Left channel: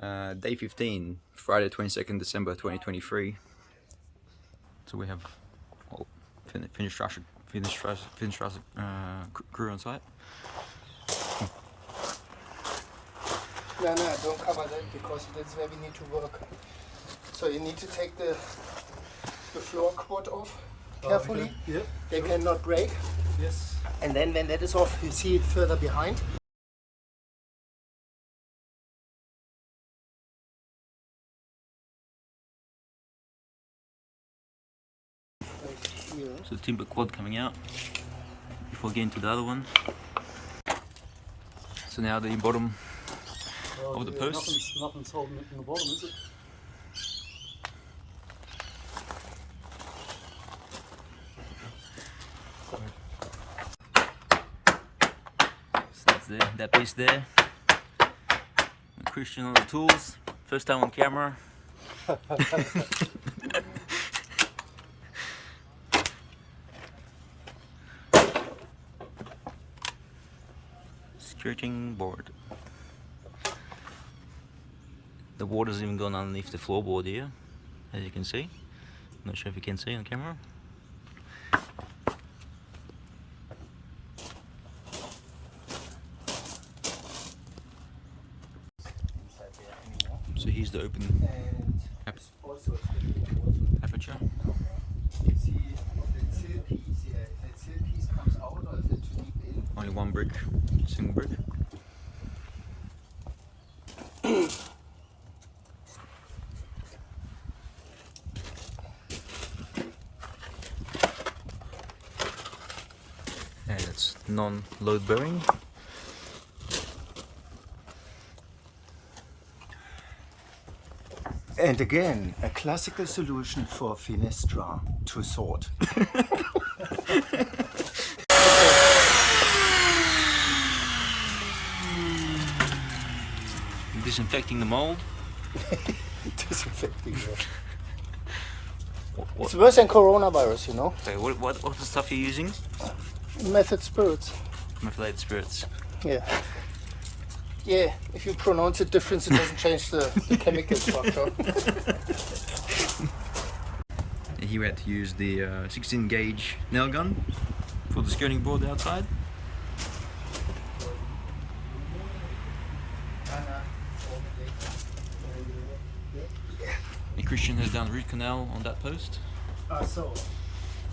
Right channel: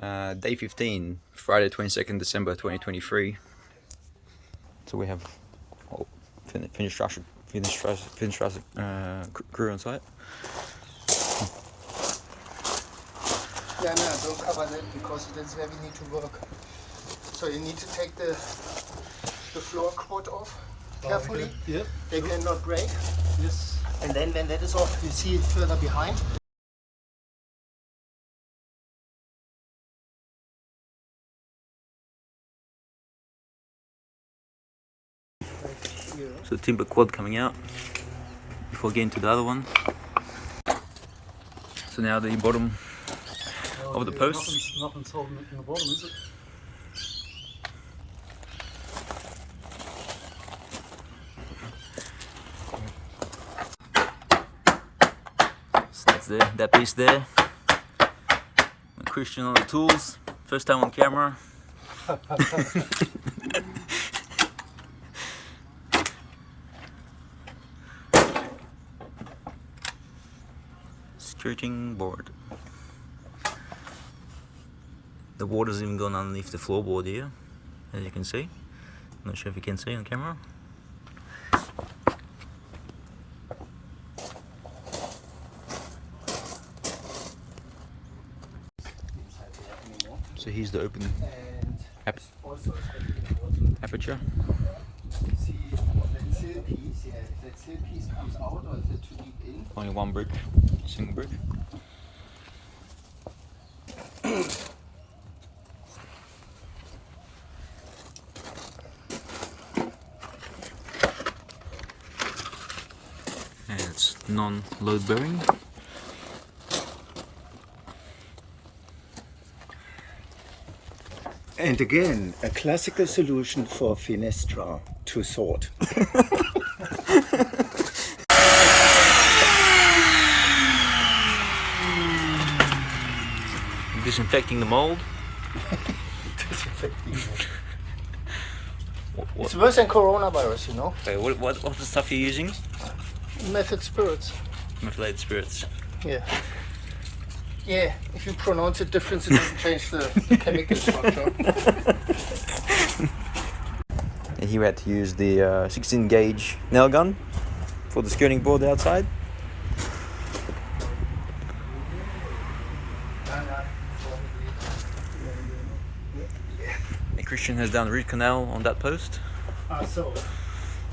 Day 15, Friday 22nd December 2023. So we have finished crew on site. No, don't cover that because that's where we need to work. So you need to take the floor cord off carefully. Yeah, they cannot break. Yes. And then when that is off, you see it further behind. So the timber quad coming out before getting to the other one. So now the bottom of the post. Nothing's holding it in the bottom, is it? So that's there, that piece there. Christian on the tools, first time on camera. Skirting board. The water's even gone underneath the floorboard here, as you can see. I'm not sure if you can see on camera. So here's the open aperture. See that sill piece, yeah, if that sill piece comes out or is it too deep in? Only one brick, single brick. And it's non-load bearing. And again, a classical solution for fenestra to sort. Disinfecting the mold. Disinfecting it. It's worse than coronavirus, you know. Okay, what's the stuff you're using? Method spirits. Methylated spirits. Yeah. Yeah, if you pronounce it different, it doesn't change the chemical structure. And here we had to use the 16 gauge nail gun for the skirting board outside. And Christian has done root canal on that post. So,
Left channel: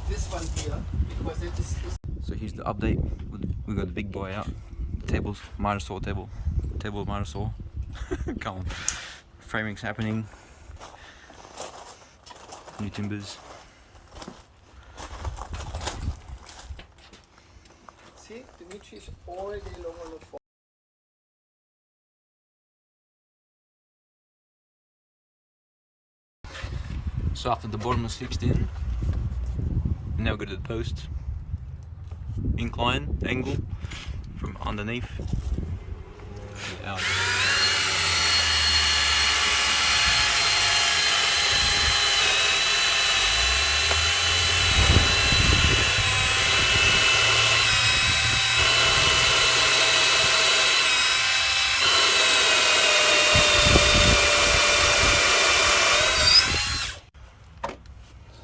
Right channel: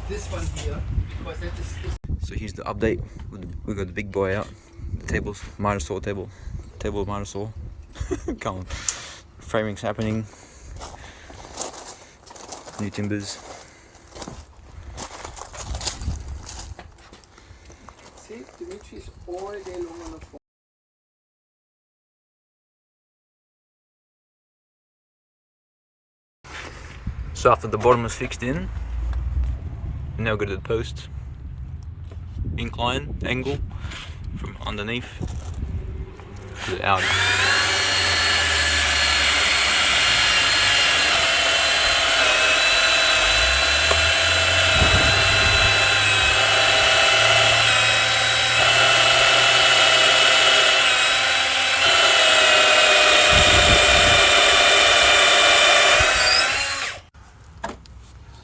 this one here, because it is... So here's the update. We got the big boy out. The tables, miter saw table. Table miter saw. Come on. Framing's happening. New timbers. See, Dimitri's all day long on the phone. So after the bottom is fixed in, now we go to the post. Incline, angle, from underneath to the outer.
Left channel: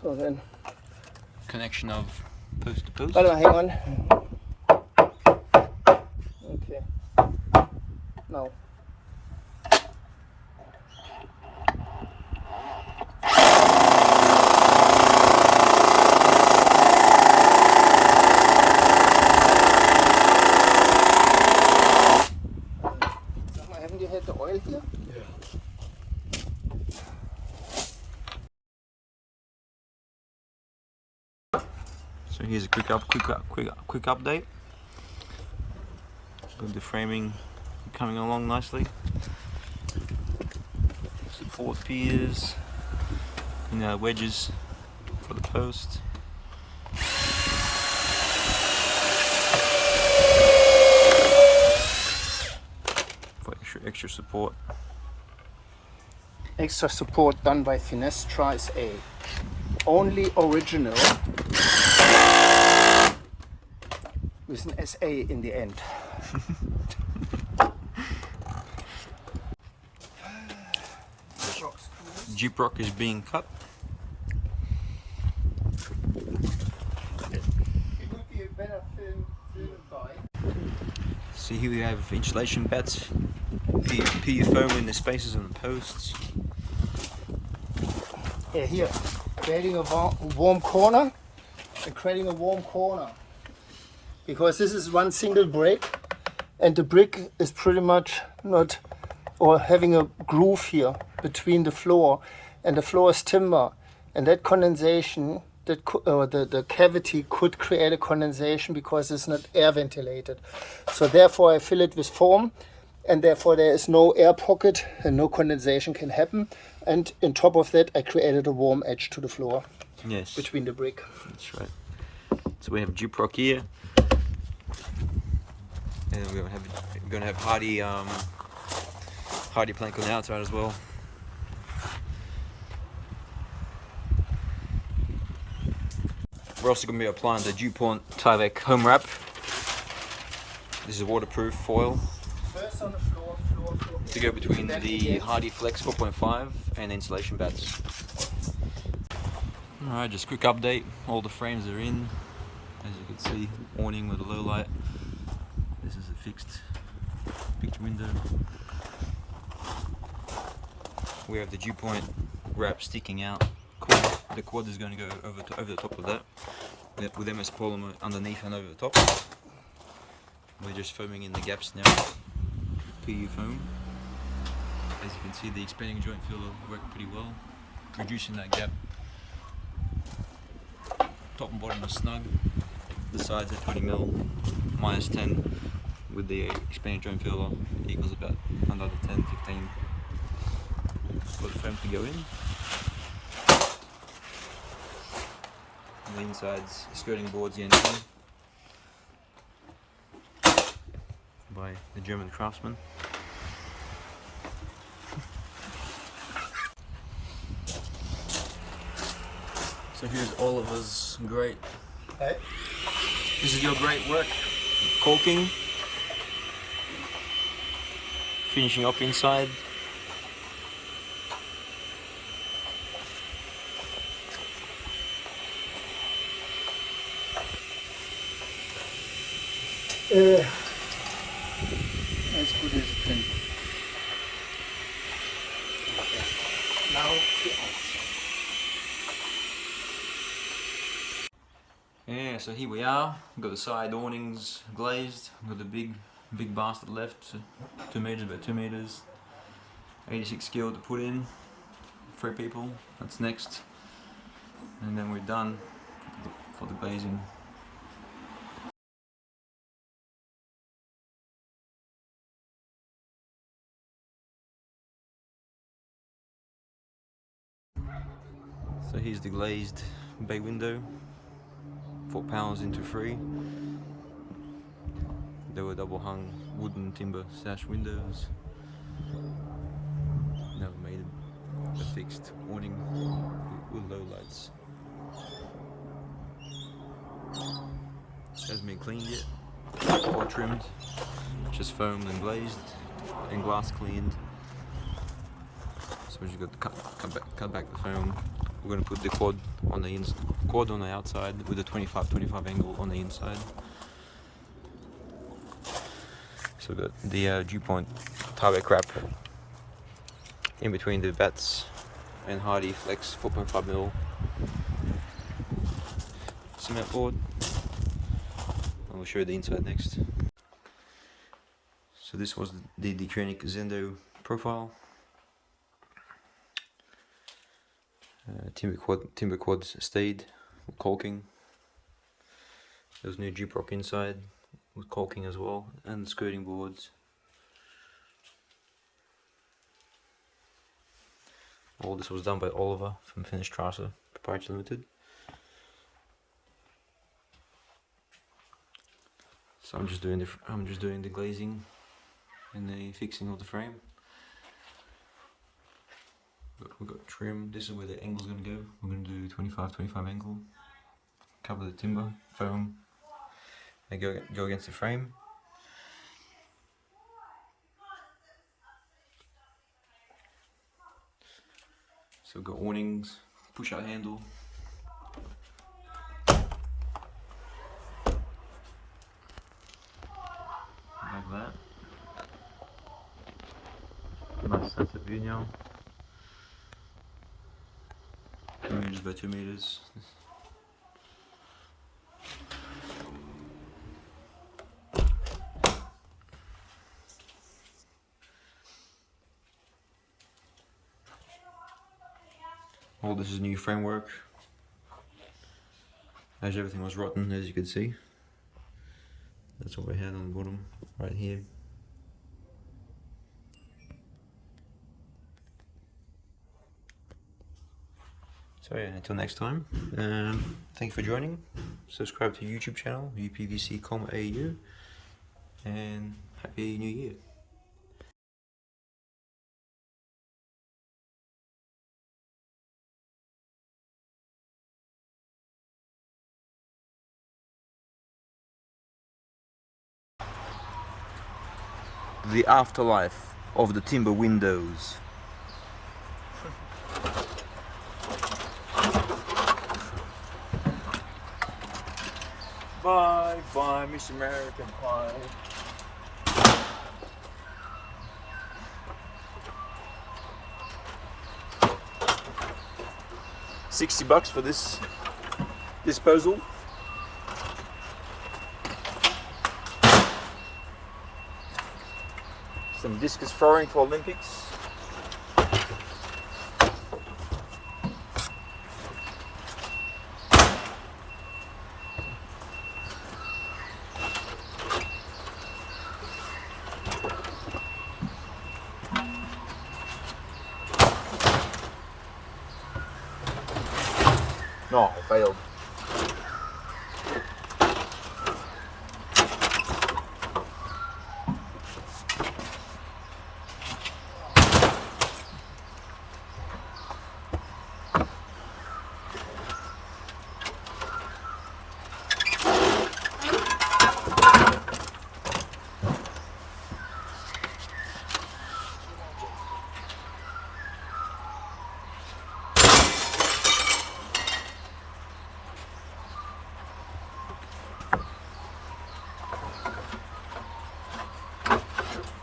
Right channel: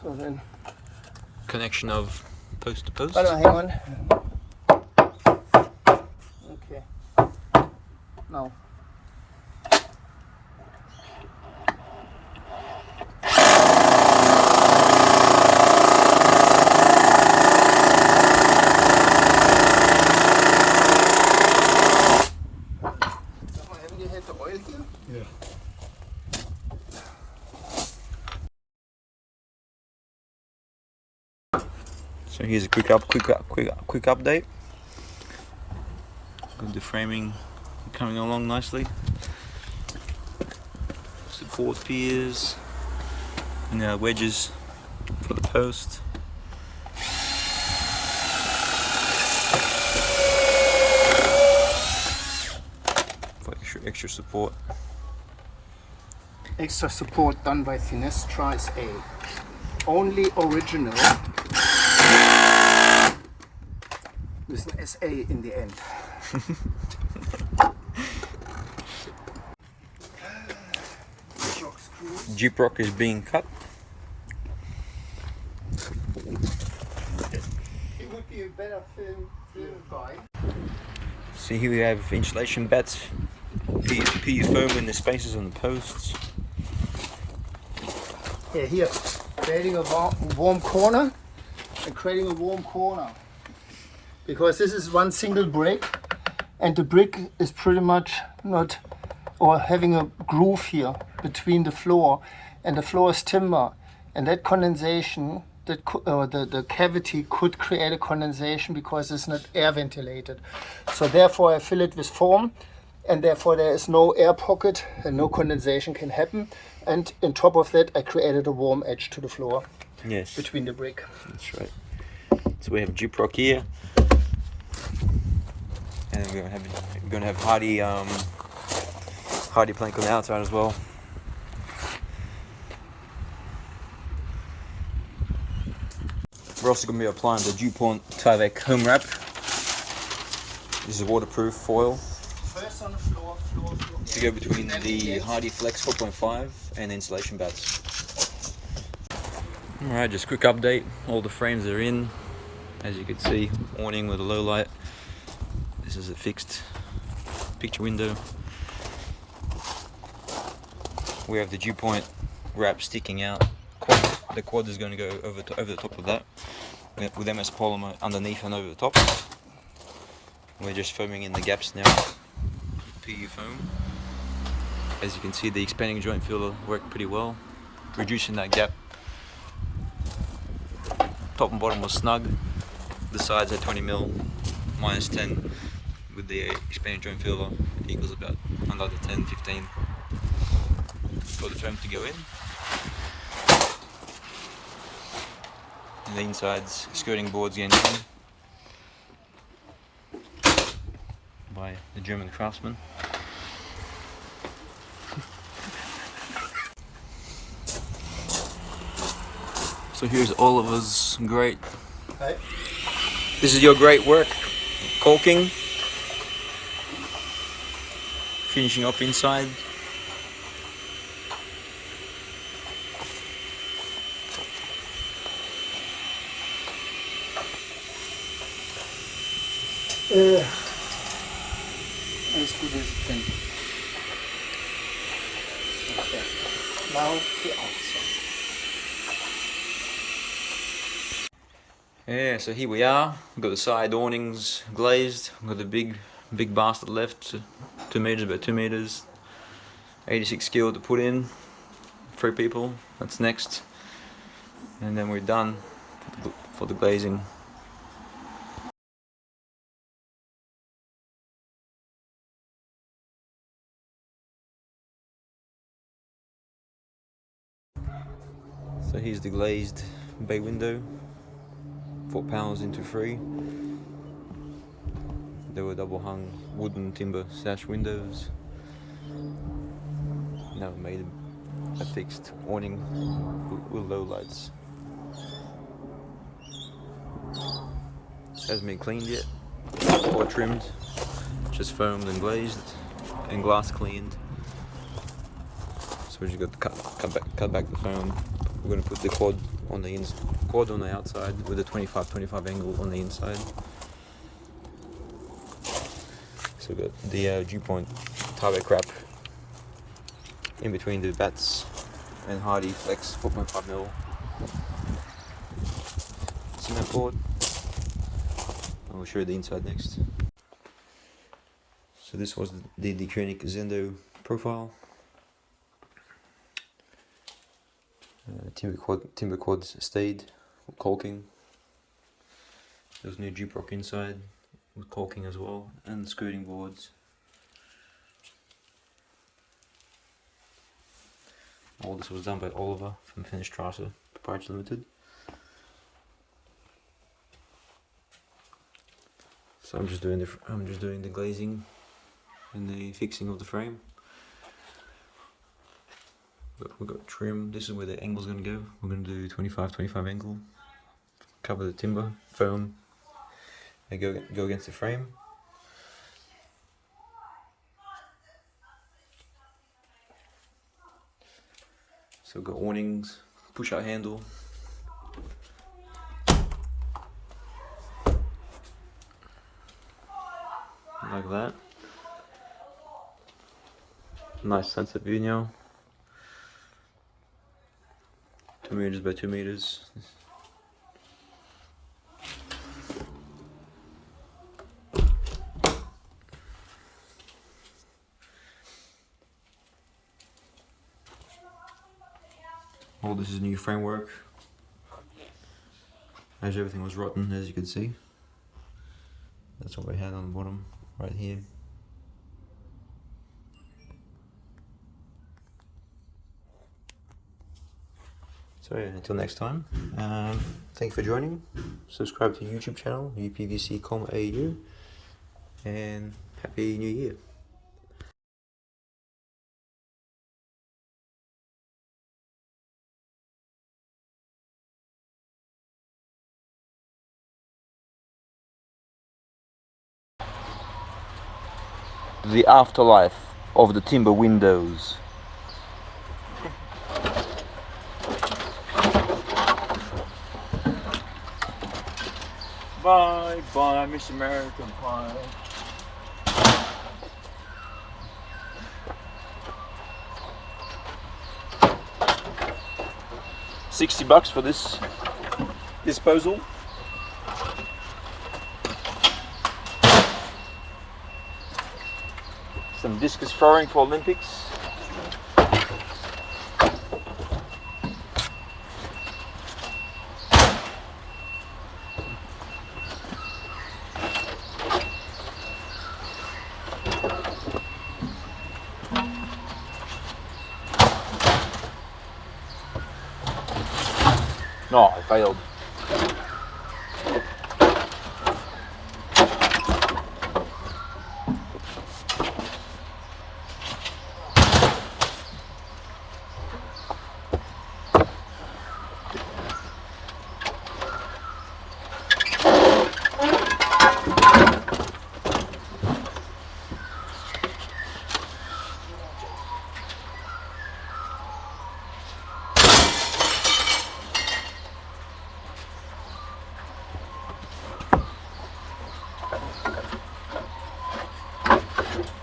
So then... Connection of post to post. Oh, no, hang on. Okay. No. Haven't you had the oil here? Yeah. So here's a quick update. Got the framing coming along nicely. Support piers, and now wedges for the post. For extra support. Extra support done by Fenestra SA. Only original. With an SA in the end. gyprock is being cut. It would be a better film guy. See, here we have insulation bats, PU foam in the spaces and the posts. Yeah, here, creating a warm corner and creating a warm corner. Because this is one single brick and the brick is pretty much not, or having a groove here between the floor, and the floor is timber, and that condensation, the cavity could create a condensation because it's not air ventilated. So therefore I fill it with foam, and therefore there is no air pocket and no condensation can happen. And on top of that I created a warm edge to the floor. Yes, Between the brick. that's right. So we have gyprock here, and we're gonna have hardy plank on the outside as well. We're also going to be applying the DuPont Tyvek home wrap. This is waterproof foil First on the floor. to go between the Hardy Flex 4.5 and the insulation bats. Alright, just quick update. All the frames are in. As you can see, awning with a low light. This is a fixed picture window. We have the DuPont wrap sticking out. The quad is going to go over the top of that with MS polymer underneath and over the top. We're just foaming in the gaps now. PU foam. As you can see, the expanding joint filler worked pretty well, reducing that gap. Top and bottom was snug. The sides are 20mm minus 10 with the expanding joint filler equals about another 10-15 for the foam to go in. And the insides skirting boards getting done by the German craftsman. So here's Oliver's grate. Hi. This is your great work, caulking, finishing off inside. As good as it can be. Okay. Now the outside. Yeah, so here we are. We've got the side awnings glazed. We've got the big bastard left, 2 meters, about 2 meters. 86 skilled to put in. 3 people. That's next, and then we're done for the glazing. So here's the glazed bay window, 4 panels into 3. They were double hung wooden timber sash windows. Now we made a fixed awning with low lights. Hasn't been cleaned yet or trimmed, just foamed and glazed and glass cleaned. So we just got to cut back the foam. We're going to put the quad on the outside with a 25-25 angle on the inside. So the DuPont Tyvek wrap in between the bats and Hardy Flex 4.5mm cement board. And we'll show you the inside next. So this was the Deceuninck Zendo profile. Timber quads stayed with caulking. There's new gyprock inside with caulking as well, and skirting boards. All this was done by Oliver from Finnish Tracer Proprietary Limited. So I'm just doing the glazing and the fixing of the frame. We've got trim. This is where the angle's going to go. We're going to do 25-25 angle. Cover the timber, foam, and go against the frame. So we've got awnings, push out handle. Like that. Nice sense of view now. 2 meters by 2 meters. All this is new framework, as everything was rotten, as you can see. That's what we had on the bottom right here. So yeah, until next time, thank you for joining. Subscribe to YouTube channel uPVC.com.au, and Happy New Year. The afterlife of the timber windows. Bye bye, Miss American Pie. $60 for this disposal. Some discus throwing for Olympics. No, I failed.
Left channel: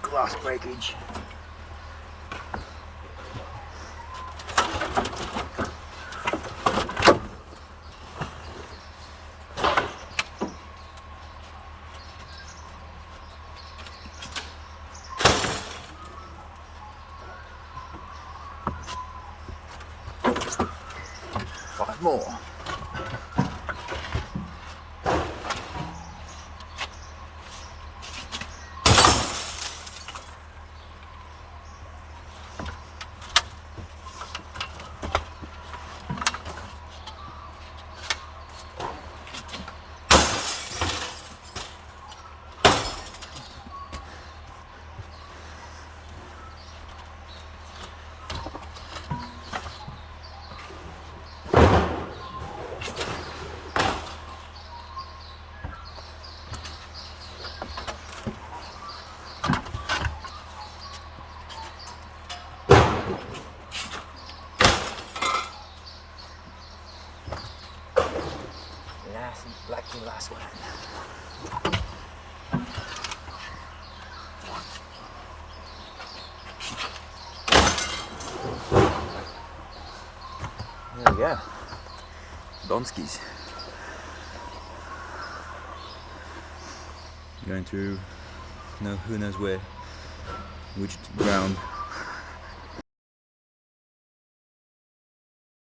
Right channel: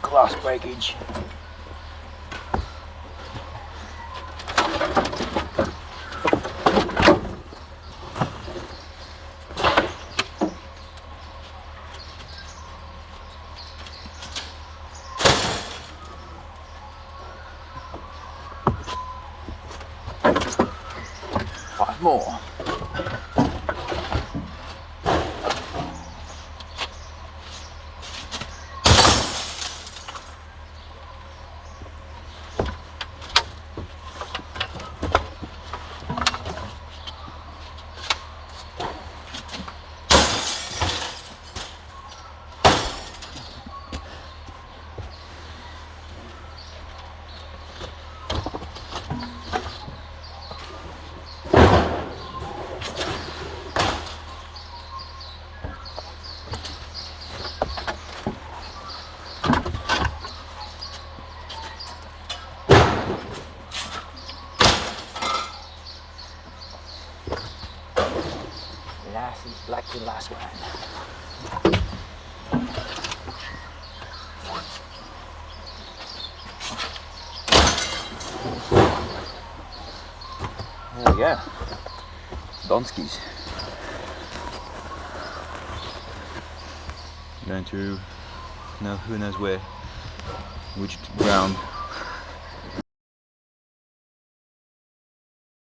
Glass breakage. Five more. Lucky last one. There we go. Donskis. Going to, no, who knows where, which ground.